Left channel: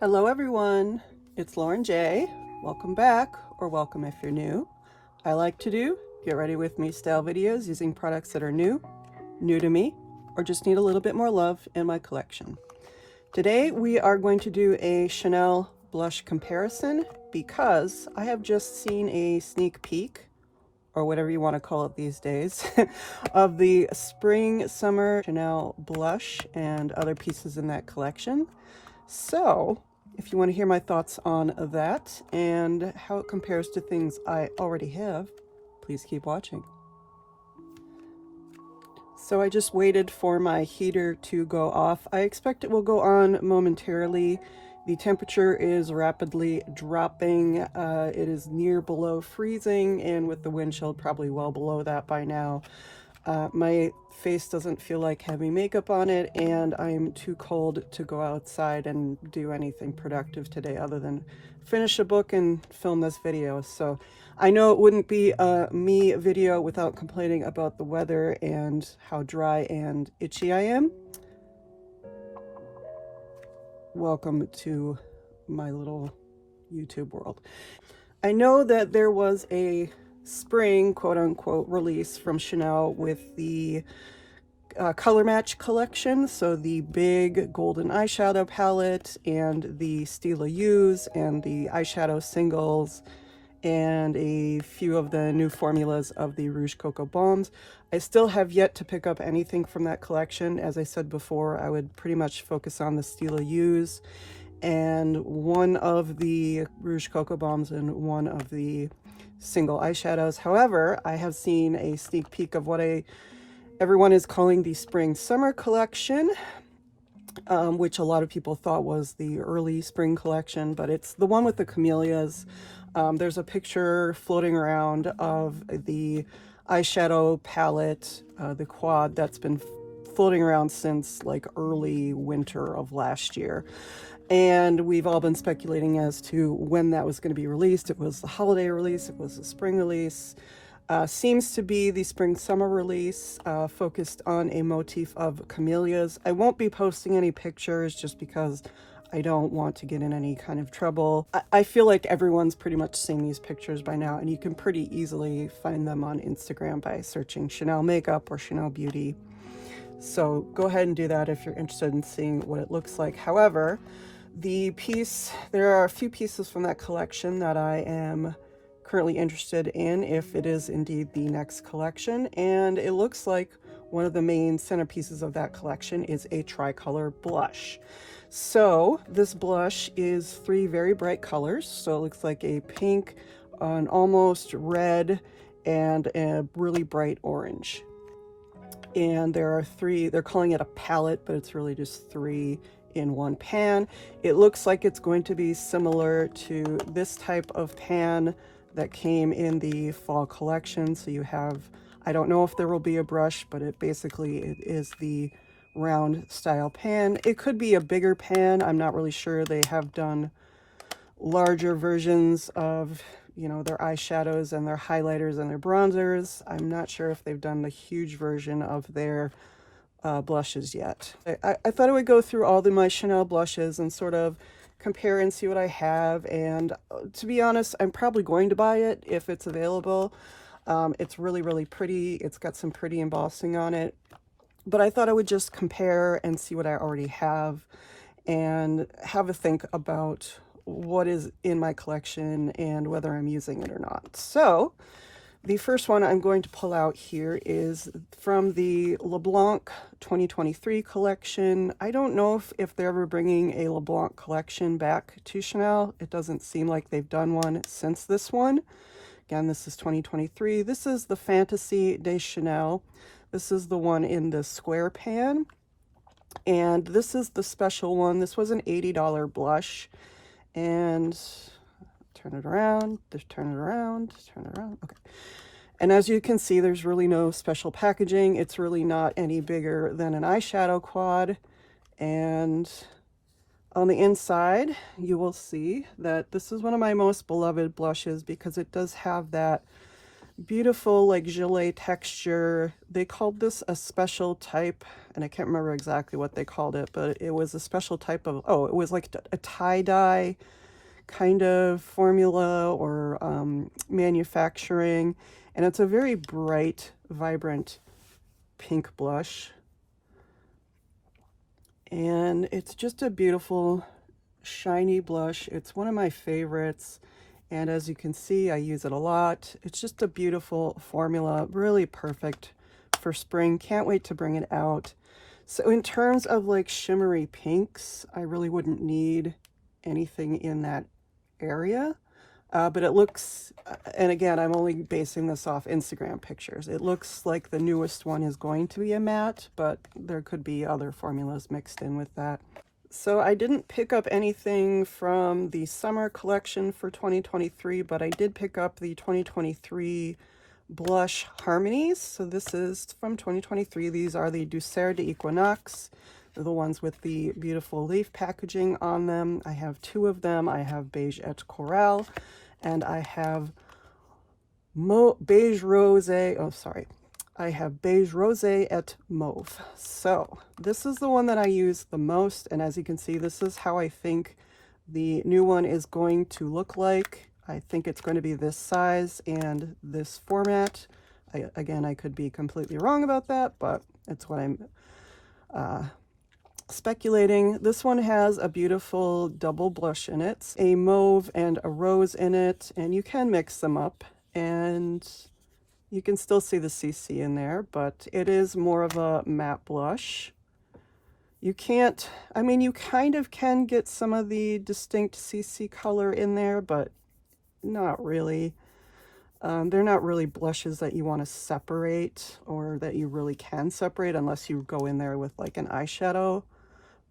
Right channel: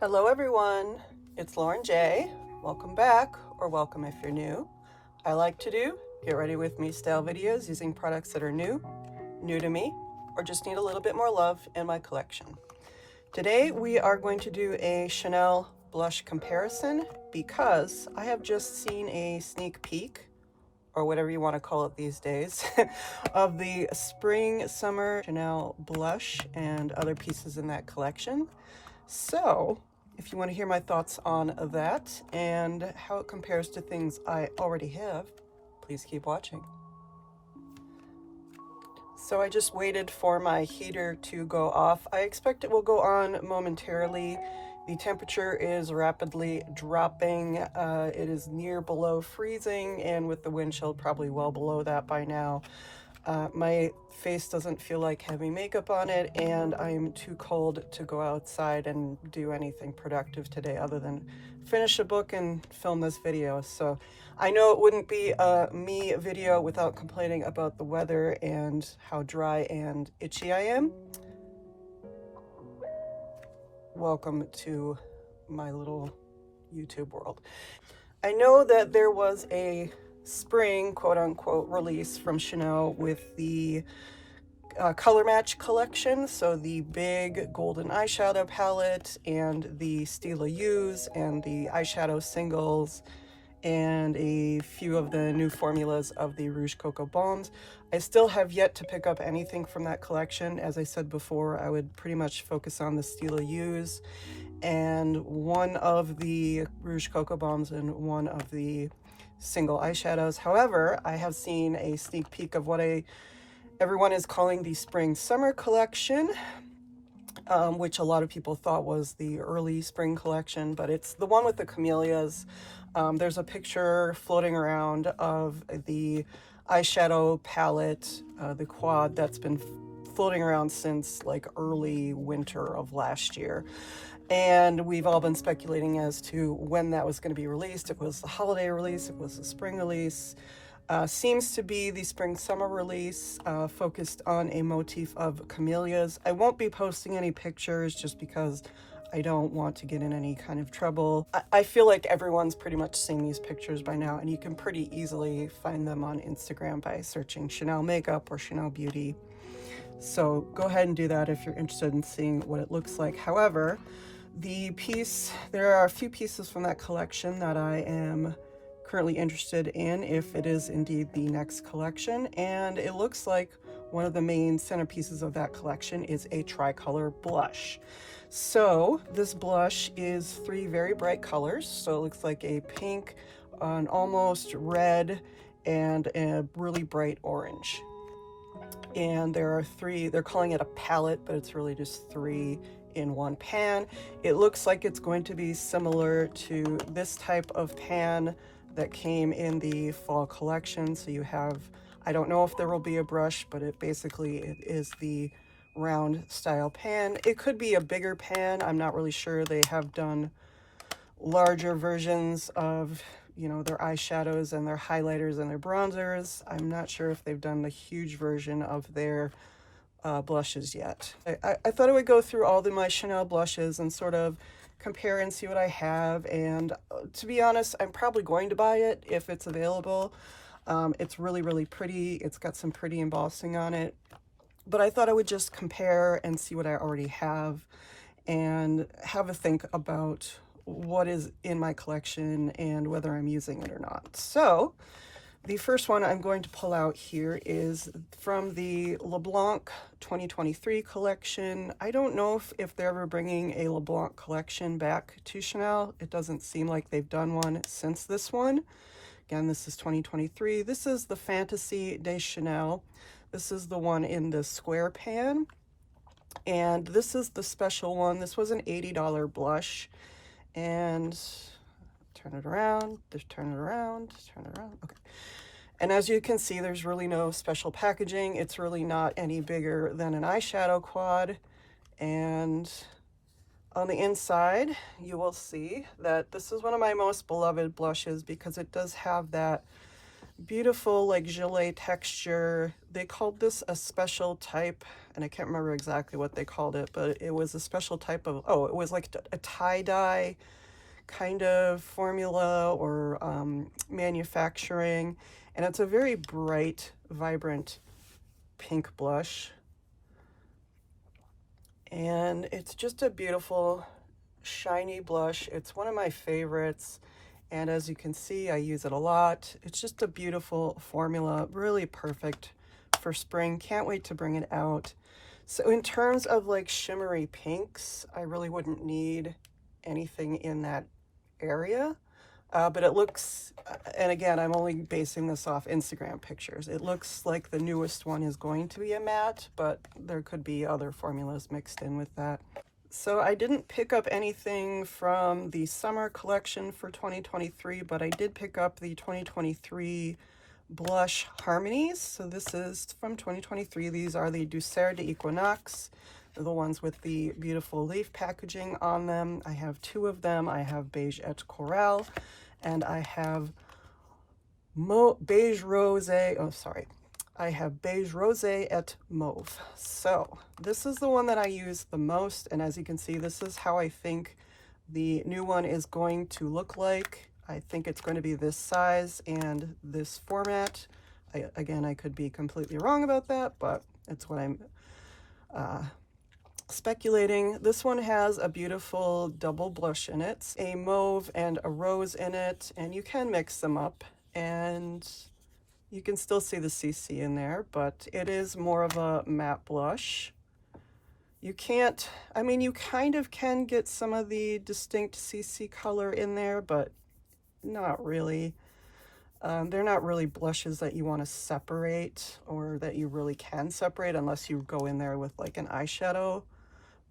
Hello everyone, it's Lauren J. Welcome back, or welcome if you're new. I like to do get ready with me style videos using products that are new to me, or just need a little bit more love in my collection. Today we are going to do a Chanel blush comparison because I have just seen a sneak peek, or whatever you want to call it these days, of the spring summer Chanel blush and other pieces in that collection. So if you want to hear my thoughts on that and how it compares to things I already have, please keep watching. So I just waited for my heater to go off. I expect it will go on momentarily. The temperature is rapidly dropping. It is near below freezing, and with the wind chill probably well below that by now. My face doesn't feel like having makeup on it, and I'm too cold to go outside and do anything productive today other than finish a book and film this video. So I know it wouldn't be a me video without complaining about the weather and how dry and itchy I am. Welcome to my little YouTube world. I know that there was a spring quote-unquote release from Chanel with the color match collection, so the big golden eyeshadow palette and the Stila U's and the eyeshadow singles and a few of the new formulas of the Rouge Coco Balms. I still have yet to pick up anything from that collection. As I said before, I would pretty much focus on the Stila U's and one of the Rouge Coco Balms and one of the single eyeshadows. However, I have seen a sneak peek of what everyone is calling the spring summer collection, which a lot of people thought was the early spring collection, but it's the one with the camellias. There's a picture floating around of the eyeshadow palette, the quad, that's been floating around since like early winter of last year. And we've all been speculating as to when that was going to be released. It was the holiday release, it was the spring release. Seems to be the spring summer release, focused on a motif of camellias. I won't be posting any pictures just because I don't want to get in any kind of trouble. I feel like everyone's pretty much seen these pictures by now, and you can pretty easily find them on Instagram by searching Chanel makeup or Chanel beauty. So go ahead and do that if you're interested in seeing what it looks like. However, there are a few pieces from that collection that I am currently interested in, if it is indeed the next collection, and it looks like one of the main centerpieces of that collection is a tricolor blush. So this blush is three very bright colors, so it looks like a pink, an almost red, and a really bright orange. And there are three, they're calling it a palette, but it's really just three in one pan. It looks like it's going to be similar to this type of pan that came in the fall collection. So you have, I don't know if there will be a brush, but it is the round style pan. It could be a bigger pan, I'm not really sure. They have done larger versions of, you know, their eyeshadows and their highlighters and their bronzers. I'm not sure if they've done the huge version of their blushes yet. I thought I would go through all my Chanel blushes and sort of compare and see what I have, and to be honest, I'm probably going to buy it if it's available. It's really, really pretty. It's got some pretty embossing on it, but I thought I would just compare and see what I already have and have a think about what is in my collection and whether I'm using it or not. So the first one I'm going to pull out here is from the LeBlanc 2023 collection. I don't know if they're ever bringing a LeBlanc collection back to Chanel. It doesn't seem like they've done one since this one. Again, this is 2023. This is the Fantasy de Chanel. This is the one in the square pan. And this is the special one. This was an $80 blush. And turn it around, just turn it around, turn it around, okay. And as you can see, there's really no special packaging. It's really not any bigger than an eyeshadow quad. And on the inside, you will see that this is one of my most beloved blushes because it does have that beautiful like gelée texture. They called this a special type, and I can't remember exactly what they called it, but it was a special type of, oh, it was like a tie-dye kind of formula or manufacturing, and it's a very bright, vibrant pink blush, and it's just a beautiful shiny blush. It's one of my favorites, and as you can see, I use it a lot. It's just a beautiful formula, really perfect for spring. Can't wait to bring it out. So in terms of like shimmery pinks, I really wouldn't need anything in that area. But it looks, and again, I'm only basing this off Instagram pictures. It looks like the newest one is going to be a matte, but there could be other formulas mixed in with that. So I didn't pick up anything from the summer collection for 2023, but I did pick up the 2023 blush harmonies. So this is from 2023. These are the Douceur d'Equinoxe. They're the ones with the beautiful leaf packaging on them. I have two of them. I have Beige et Coral, and I have Beige Rosé. Oh, sorry. I have Beige Rosé et Mauve. So this is the one that I use the most, and as you can see, this is how I think the new one is going to look like. I think it's going to be this size and this format. Again, I could be completely wrong about that, but it's what I'm speculating. This one has a beautiful double blush in it, a mauve and a rose in it, and you can mix them up, and you can still see the CC in there, but it is more of a matte blush. You can't, I mean, you kind of can get some of the distinct CC color in there, but not really. They're not really blushes that you want to separate, or that you really can separate unless you go in there with like an eyeshadow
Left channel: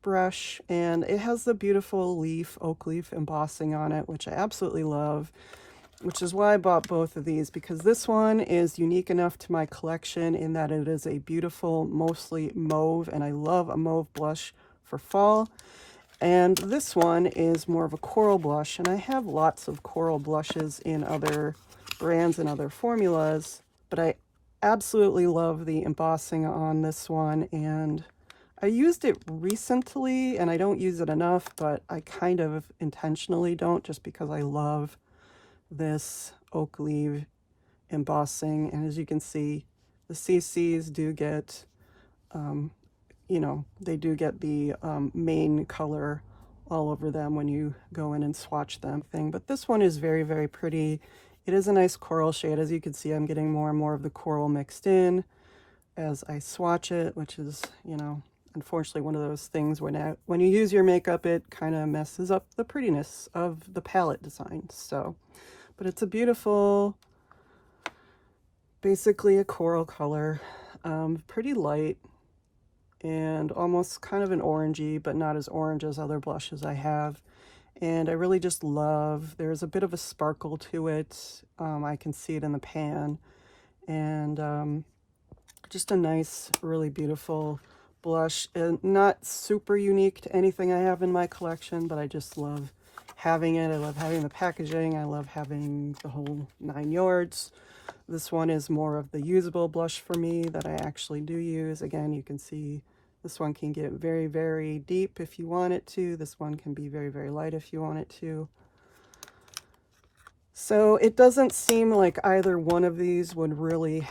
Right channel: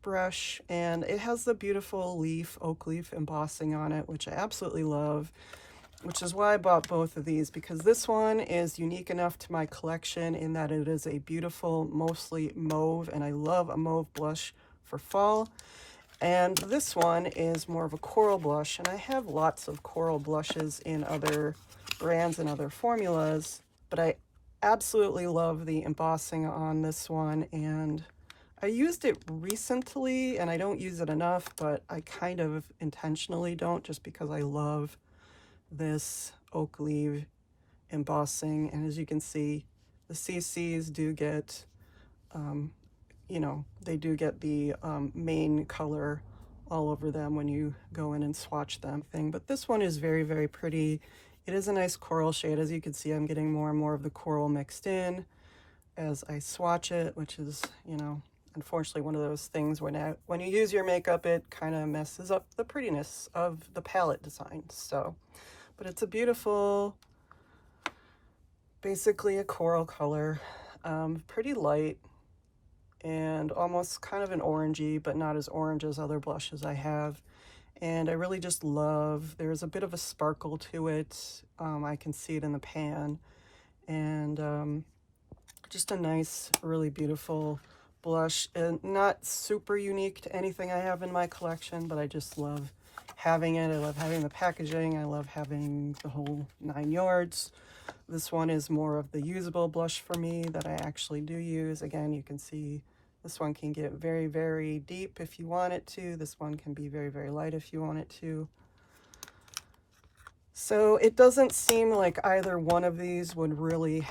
brush. And it has the beautiful leaf, oak leaf embossing on it, which I absolutely love, which is why I bought both of these, because this one is unique enough to my collection in that it is a beautiful, mostly mauve, and I love a mauve blush for fall. And this one is more of a coral blush, and I have lots of coral blushes in other brands and other formulas, but I absolutely love the embossing on this one, and I used it recently, and I don't use it enough, but I kind of intentionally don't, just because I love this oak leaf embossing. And as you can see, the CCs do get, you know, they do get the main color all over them when you go in and swatch them. But this one is very, very pretty. It is a nice coral shade. As you can see, I'm getting more and more of the coral mixed in as I swatch it, which is, you know, unfortunately one of those things when you use your makeup, it kind of messes up the prettiness of the palette design. So, but it's a beautiful, basically a coral color, pretty light and almost kind of an orangey, but not as orange as other blushes I have. And I really just love, there's a bit of a sparkle to it. I can see it in the pan, and just a nice, really beautiful blush, and not super unique to anything I have in my collection, but I just love having it. I love having the packaging. I love having the whole 9 yards. This one is more of the usable blush for me that I actually do use. Again, you can see this one can get very, very deep if you want it to. This one can be very, very light if you want it to. So it doesn't seem like either one of these would really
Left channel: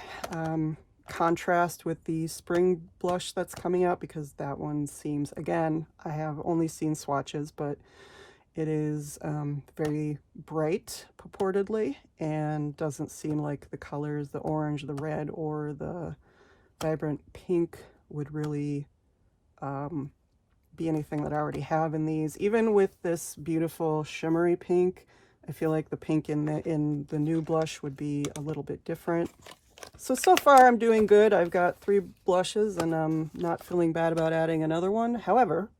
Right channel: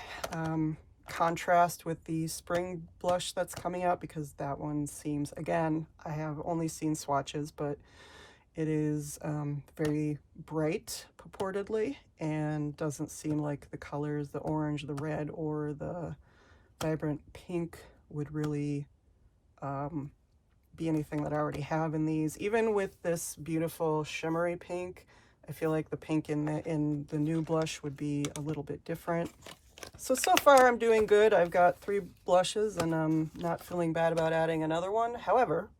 contrast with the spring blush that's coming out, because that one seems, again, I have only seen swatches, but it is very bright purportedly, and doesn't seem like the colors, the orange, the red, or the vibrant pink would really be anything that I already have in these. Even with this beautiful shimmery pink, I feel like the pink in the new blush would be a little bit different. So far I'm doing good. I've got 3 blushes, and I'm not feeling bad about adding another one. However,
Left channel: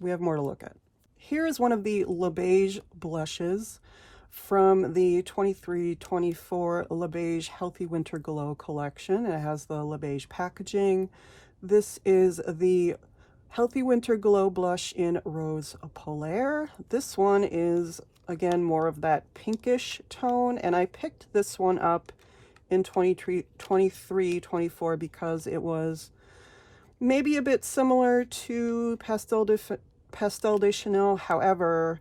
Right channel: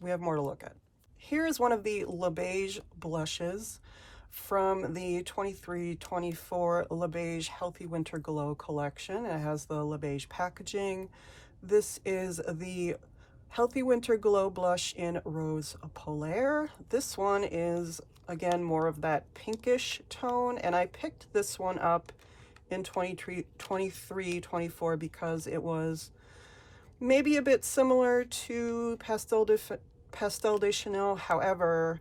we have more to look at. Here's one of the Leige blushes from the 23-24 Leige Healthy Winter Glow collection. It has the Leige packaging. This is the Healthy Winter Glow blush in Rose Polaire. This one is again, more of that pinkish tone. And I picked this one up in 23, 24 because it was maybe a bit similar to Pastel de Chanel. However,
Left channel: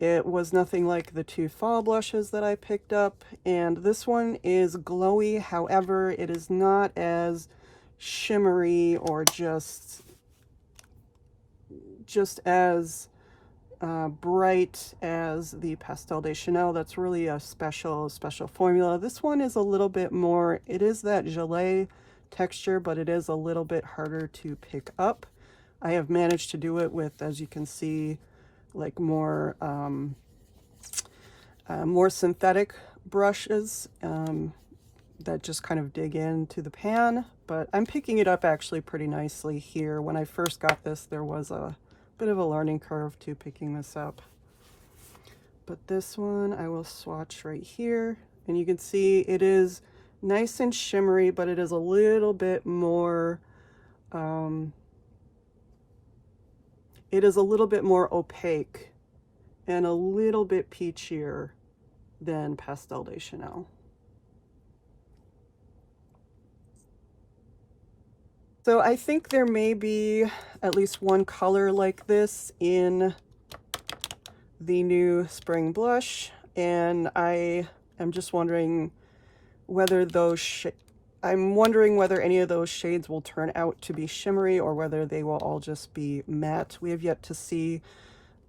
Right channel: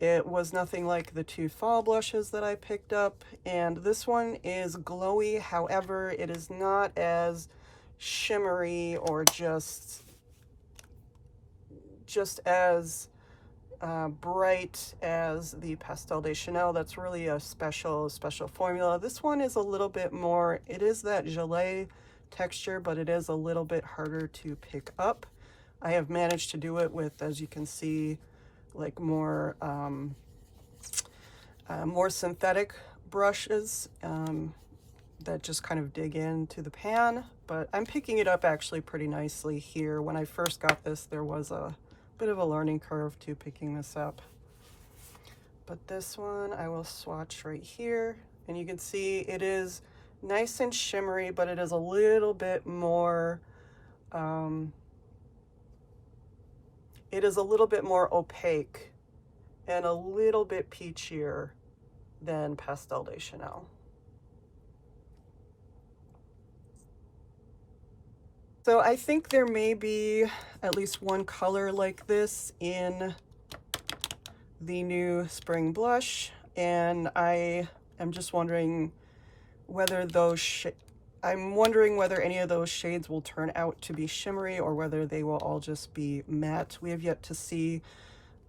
it was nothing like the two fall blushes that I picked up. And this one is glowy. However, it is not as shimmery or just as bright as the Pastel de Chanel. That's really a special formula. This one is a little bit more, it is that gelée texture, but it is a little bit harder to pick up. I have managed to do it with, as you can see, like more synthetic brushes that just kind of dig into the pan, but I'm picking it up actually pretty nicely here. When I first got this, there was a bit of a learning curve to picking this up. But this one I will swatch right here, and you can see it is nice and shimmery, but it is a little bit more opaque and a little bit peachier than Pastel de Chanel. So I think there may be at least one color like this in the new spring blush, and I am just wondering whether whether any of those shades will turn out to be shimmery or whether they will all just be matte. We have yet to see,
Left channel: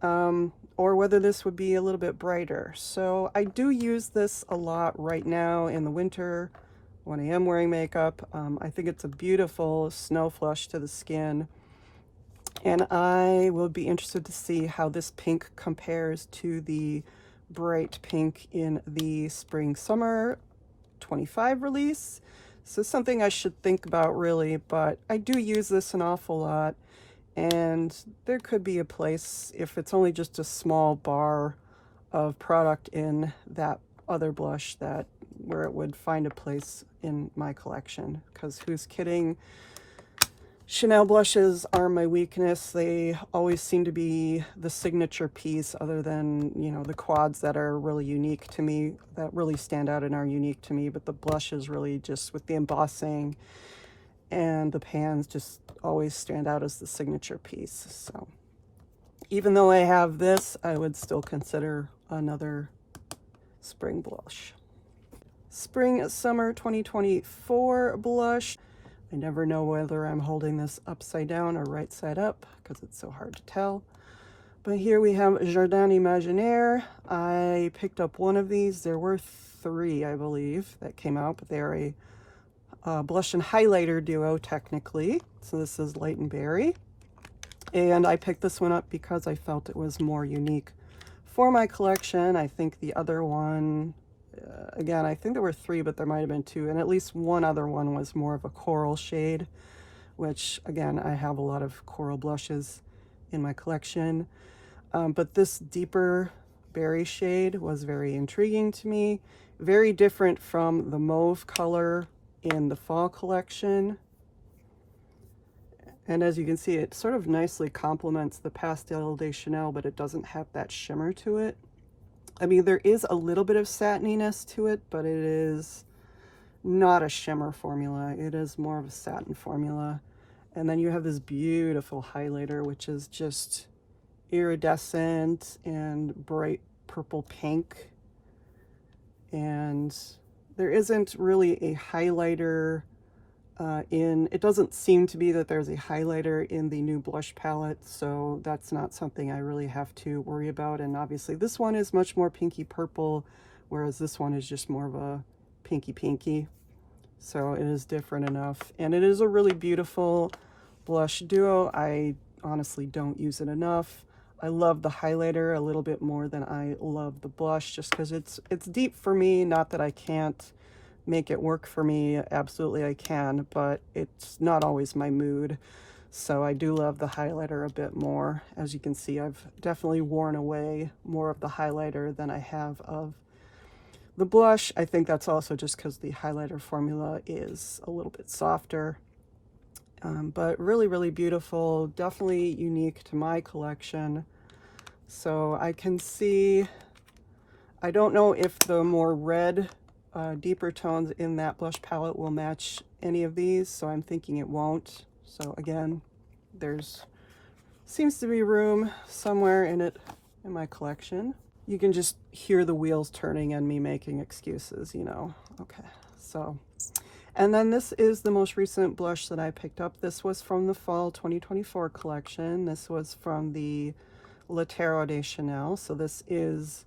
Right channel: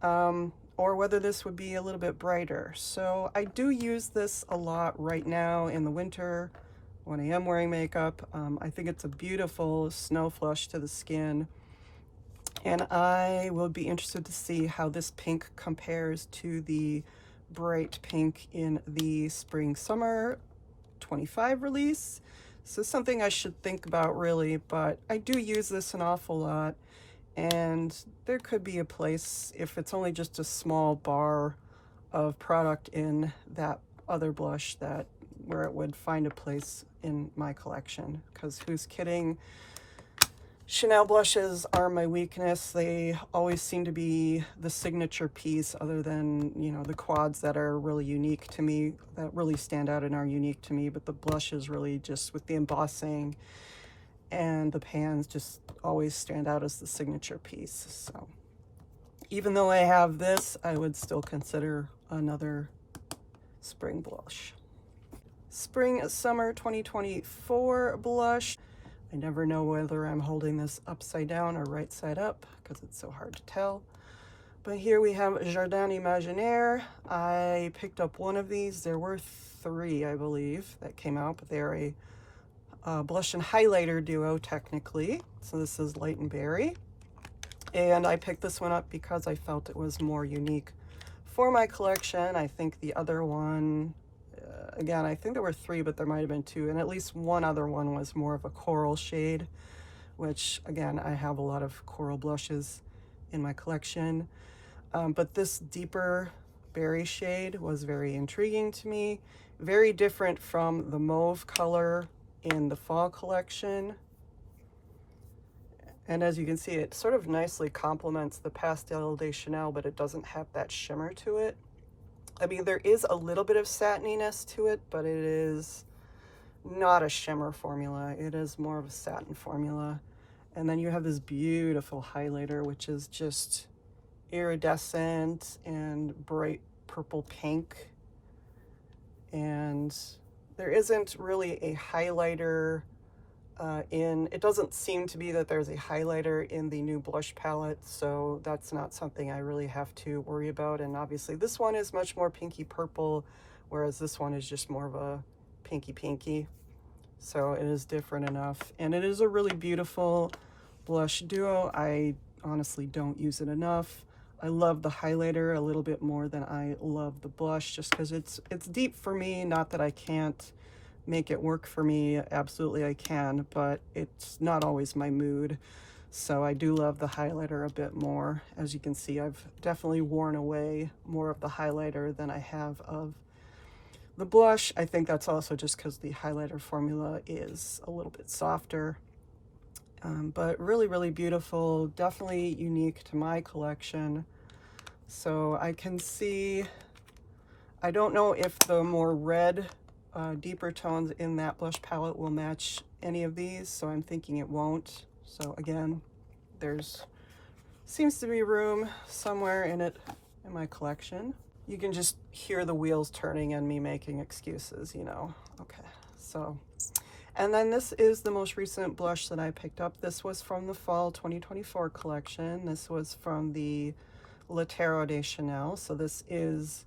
or whether this would be a little bit brighter. So I do use this a lot right now in the winter when I am wearing makeup. I think it's a beautiful snow flush to the skin, and I will be interested to see how this pink compares to the bright pink in the spring summer 25 release. So something I should think about really, but I do use this an awful lot, and there could be a place, if it's only just a small bar of product in that other blush, that where it would find a place in my collection, because who's kidding? Chanel blushes are my weakness. They always seem to be the signature piece, other than, you know, the quads that are really unique to me, that really stand out and are unique to me. But the blushes really, just with the embossing and the pans, just always stand out as the signature piece. So even though I have this, I would still consider another spring blush. Spring Summer 2024 blush. I never know whether I'm holding this upside down or right side up because it's so hard to tell. But here we have Jardin Imaginaire. I picked up one of these. There were 3, I believe, that came out, but they're a blush and highlighter duo technically. So this is Light and Berry. And I picked this one up because I felt it was more unique for my collection. I think the other one, again, I think there were 3, but there might have been 2, and at least one other one was more of a coral shade, which, again, I have a lot of coral blushes in my collection. But this deeper berry shade was very intriguing to me. Very different from the mauve color in the fall collection. And as you can see, it sort of nicely complements the Pastel de Chanel, but it doesn't have that shimmer to it. I mean, there is a little bit of satininess to it, but it is not a shimmer formula. It is more of a satin formula. And then you have this beautiful highlighter, which is just iridescent and bright purple pink. And there isn't really a highlighter it doesn't seem to be that there's a highlighter in the new blush palette, so that's not something I really have to worry about. And obviously this one is much more pinky purple, whereas this one is just more of a pinky. So it is different enough, and it is a really beautiful blush duo. I honestly don't use it enough. I love the highlighter a little bit more than I love the blush, just because it's deep for me. Not that I can't make it work for me, absolutely I can, but it's not always my mood. So I do love the highlighter a bit more. As you can see, I've definitely worn away more of the highlighter than I have of the blush. I think that's also just because the highlighter formula is a little bit softer. But really beautiful, definitely unique to my collection. So I can see I don't know if the more red, deeper tones in that blush palette will match any of these, so I'm thinking it won't. So again, there's seems to be room somewhere in it in my collection. You can just hear the wheels turning and me making excuses, you know. Okay, so, and then this is the most recent blush that I picked up. This was from the fall 2024 collection. This was from the Le Terreau de Chanel. So this is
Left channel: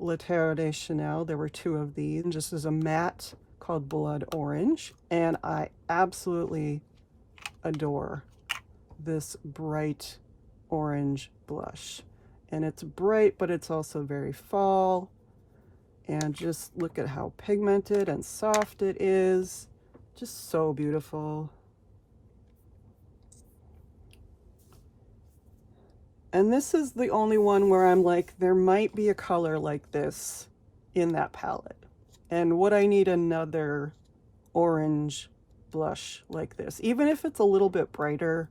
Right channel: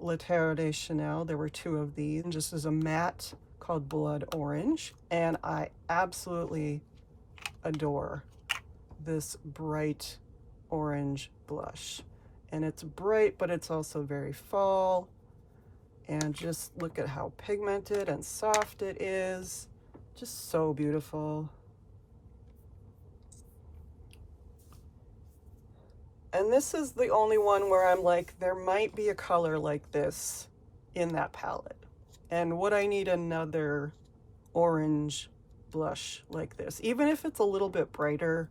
Le Terreau de Chanel. There were two of these, just as a matte called Blood Orange. And I absolutely adore this bright orange blush. And it's bright, but it's also very fall. And just look at how pigmented and soft it is. Just so beautiful. And this is the only one where I'm like, there might be a color like this in that palette. And would I need another orange blush like this? Even if it's a little bit brighter,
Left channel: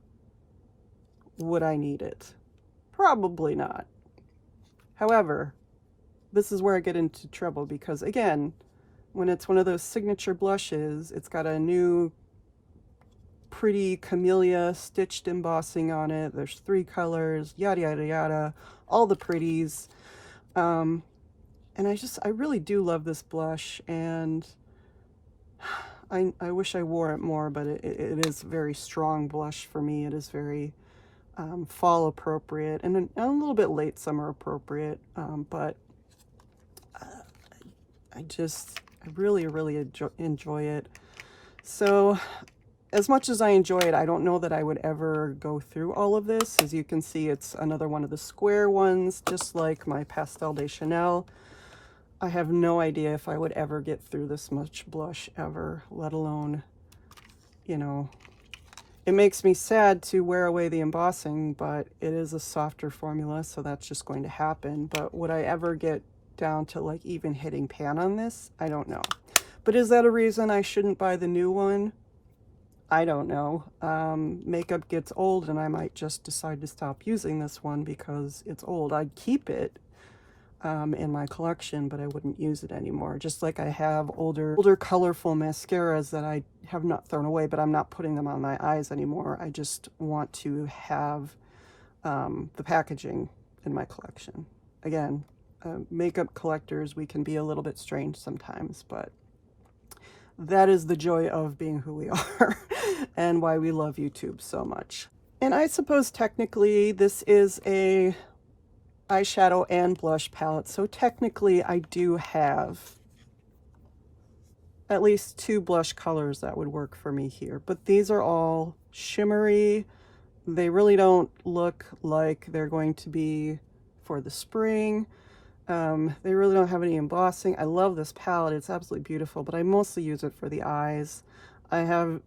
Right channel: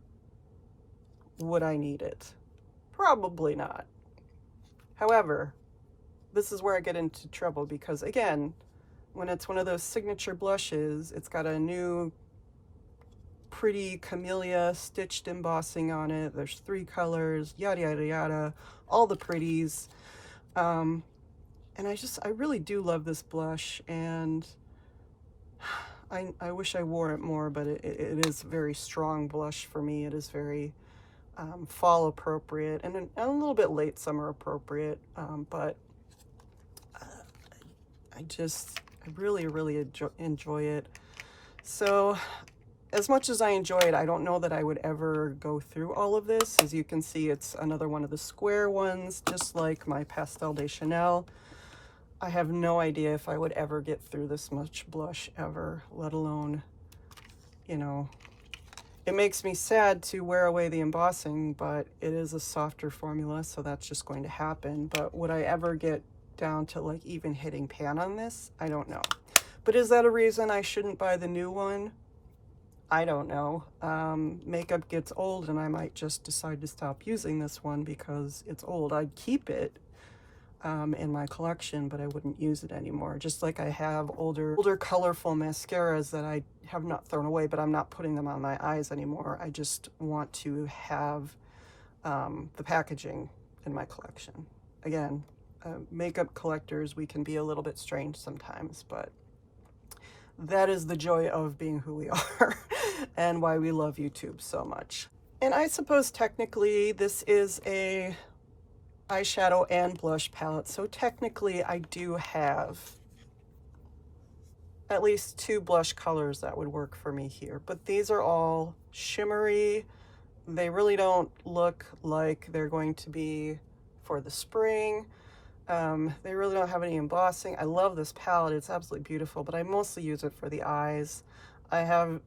would I need it? Probably not. However, this is where I get into trouble because, again, when it's one of those signature blushes, it's got a new pretty camellia stitched embossing on it. There's 3 colors, yada yada yada, all the pretties. And I really do love this blush, and I wish I wore it more, but it is a very strong blush for me. It is very fall appropriate and a little bit late summer appropriate, but I really enjoy it. So as much as I enjoy it, I don't know that I would ever go through all of this. As you can see, it's another one of the square ones, just like my Pastel de Chanel. I have no idea if I would ever get through this much blush ever, let alone, you know, it makes me sad to wear away the embossing, but it is a softer formula, so that's just going to happen. But would I ever get down to like even hitting pan on this? I don't know. But is that a reason I shouldn't buy the new one? I don't know. Makeup gets old and I might just decide to stop using this one because it's old. I'd keep it in my collection, but I wouldn't use it anymore. Just like I have older colorful mascaras that I have not thrown away, but I'm not putting them on my eyes anymore. I just want to have the packaging in my collection. Again, makeup collectors, we can be a little bit strange sometimes, but that is the joy of being who we are and why we love YouTube so much. And I suppose technically this is a eyeshadow and blush palette, so technically I do have at least 2 blush colors that would work for me here, but these are all shimmery. They really don't look like they're going to be for the spring. They really don't have any embossing. I love this palette, it's absolutely beautiful, but I mostly use it for the eyes. I have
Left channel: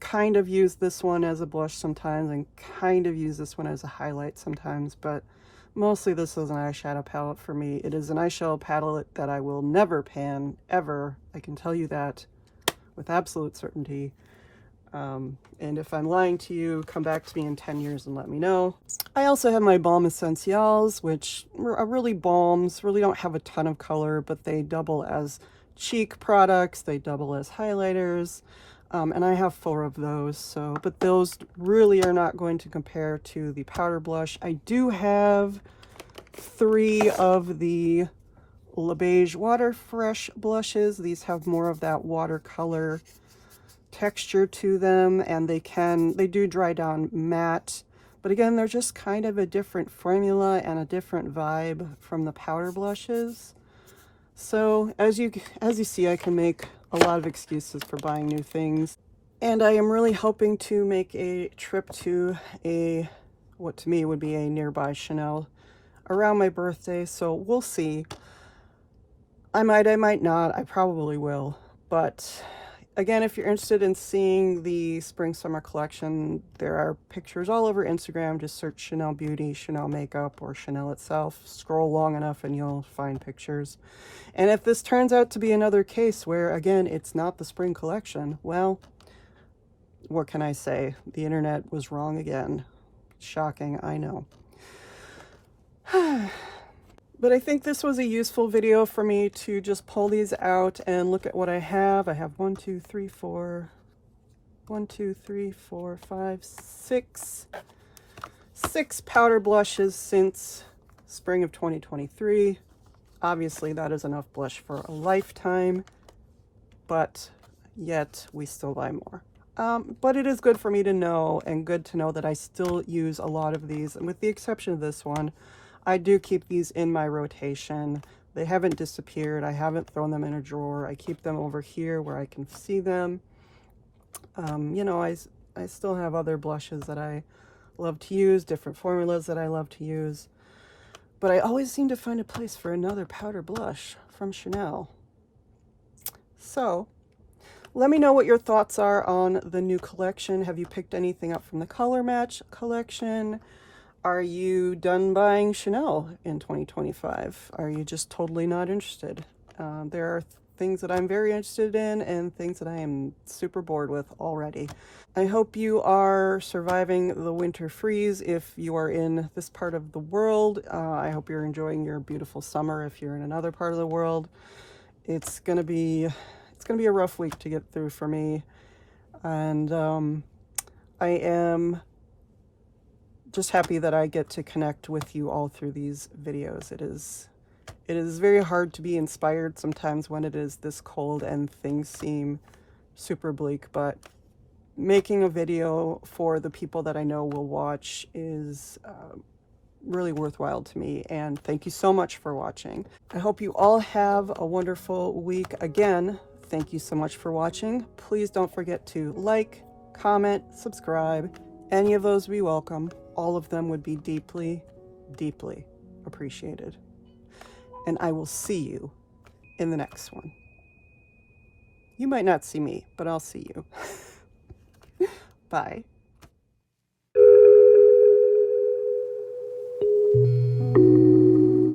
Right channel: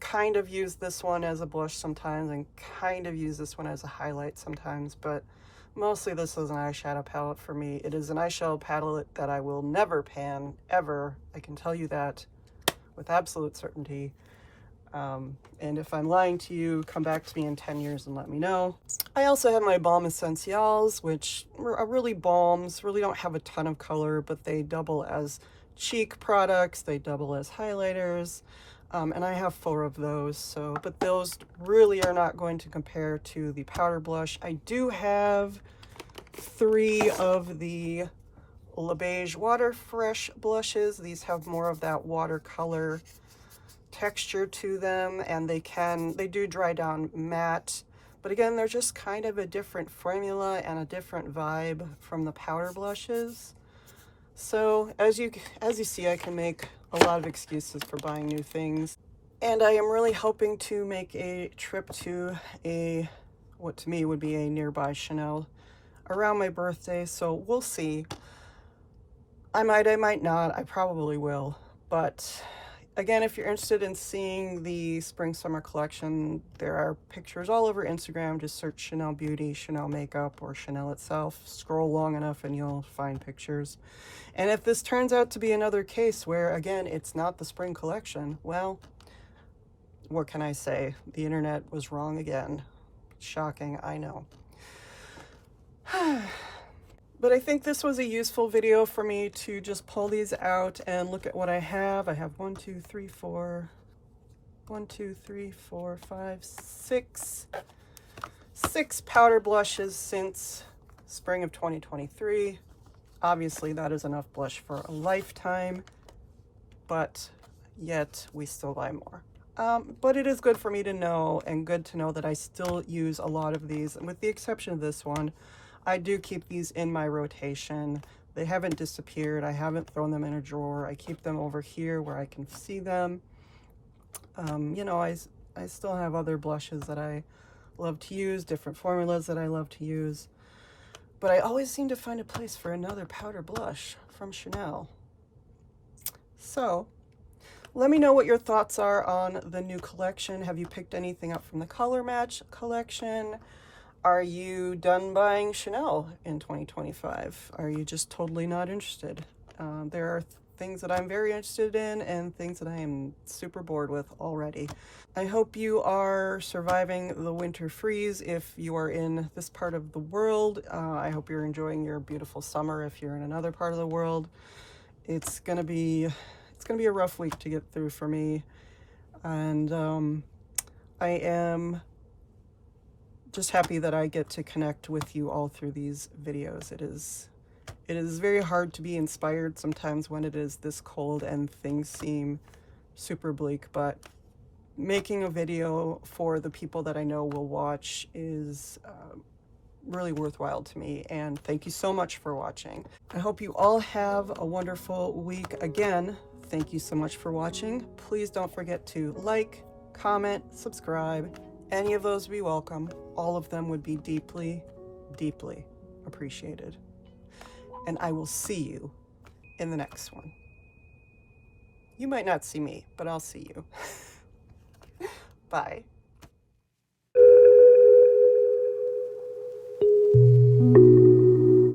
kind of used this one as a blush sometimes and kind of use this one as a highlight sometimes, but mostly this is an eyeshadow palette for me. It is an eyeshadow palette that I will never pan, ever. I can tell you that with absolute certainty. And if I'm lying to you, come back to me in 10 years and let me know. I also have my Balm Essentials, which are really balms, really don't have a ton of color, but they double as cheek products, they double as highlighters. And I have 4 of those, so, but those really are not going to compare to the powder blush. I do have 3 of the Leige Water Fresh blushes. These have more of that watercolor texture to them, and they do dry down matte, but again, they're just kind of a different formula and a different vibe from the powder blushes. So as you see, I can make a lot of excuses for buying new things, and I am really hoping to make a trip to what to me would be a nearby Chanel around my birthday, so we'll see. I might not, I probably will, but again, if you're interested in seeing the spring summer collection, there are pictures all over Instagram. Just search Chanel Beauty, Chanel Makeup, or Chanel itself. Scroll long enough and you'll find pictures. And if this turns out to be another case where, again, it's not the spring collection, well, what can I say? The internet was wrong again. Shocking, I know. But I think this was a useful video for me to just pull these out and look at what I have. I have 6 powder blushes since spring of 2023. Obviously that is enough blush for a lifetime, but yet we still buy more. But it is good for me to know, and good to know that I still use a lot of these, and with the exception of this one, I do keep these in my rotation. They haven't disappeared. I haven't thrown them in a drawer. I keep them over here where I can see them. You know, I still have other blushes that I love to use, different formulas that I love to use, but I always seem to find a place for another powder blush from Chanel. So let me know what your thoughts are on the new collection. Have you picked anything up from the Color Match collection? Are you done buying Chanel in 2025? Are you just totally not interested? There are things that I'm very interested in and things that I am super bored with already. I hope you are surviving the winter freeze if you are in this part of the world. I hope you're enjoying your beautiful summer if you're in another part of the world. It's gonna be a rough week to get through for me, and I am just happy that I get to connect with you all through these videos. It is very hard to be inspired sometimes when it is this cold and things seem super bleak, but making a video for the people that I know will watch is really worthwhile to me, and thank you so much for watching. I hope you all have a wonderful week. Again, thank you so much for watching. Please don't forget to like, comment, subscribe. Any of those would be welcome. All of them would be deeply, deeply appreciated. And I will see you in the next one. You might not see me, but I'll see you. Bye.